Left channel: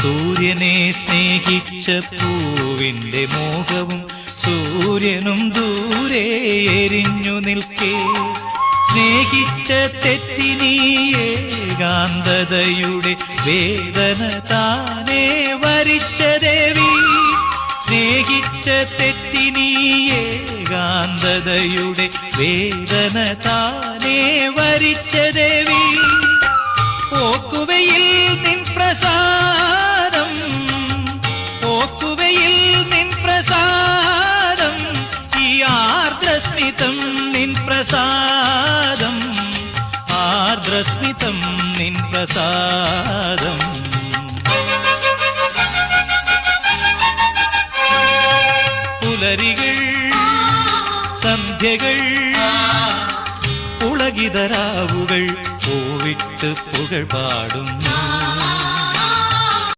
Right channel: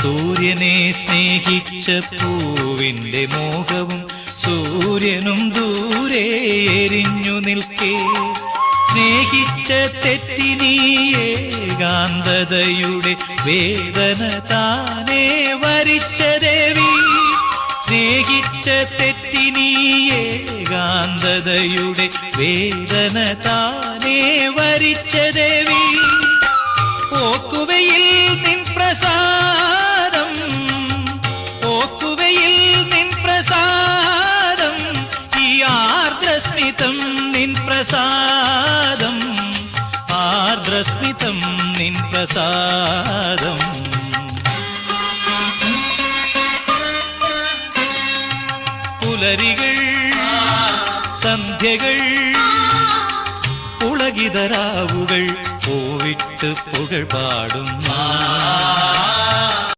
സൂര്യനെ സ്നേഹിച്ച പൂവിന്റെ മോഹവും സൂര്യനും ദൂരെ എരിഞ്ഞു നിൽക്കേ. സ്നേഹിച്ച തെറ്റിനീ ഏകാന്തതയുടെ വേദന താനേ വരിച്ച ദേവി. സ്നേഹിച്ച തെറ്റിനീ ഏകാന്തതയുടെ വേദന താനേ വരിച്ച ദേവി. ഓക്കുവയിൽ നിൻ പ്രസാദം, ഓക്കുവയിൽ നിൻ പ്രസാദം, ഈ ആർദ്രസ്മിതം നിൻ പ്രസാദം, ആർദ്രസ്മിതം നിൻ പ്രസാദം. പുലരികൾ സന്ധ്യകൾ പുളകിതരാവുകൾ പൂവിട്ട് പുകൾ പാടുന്നു.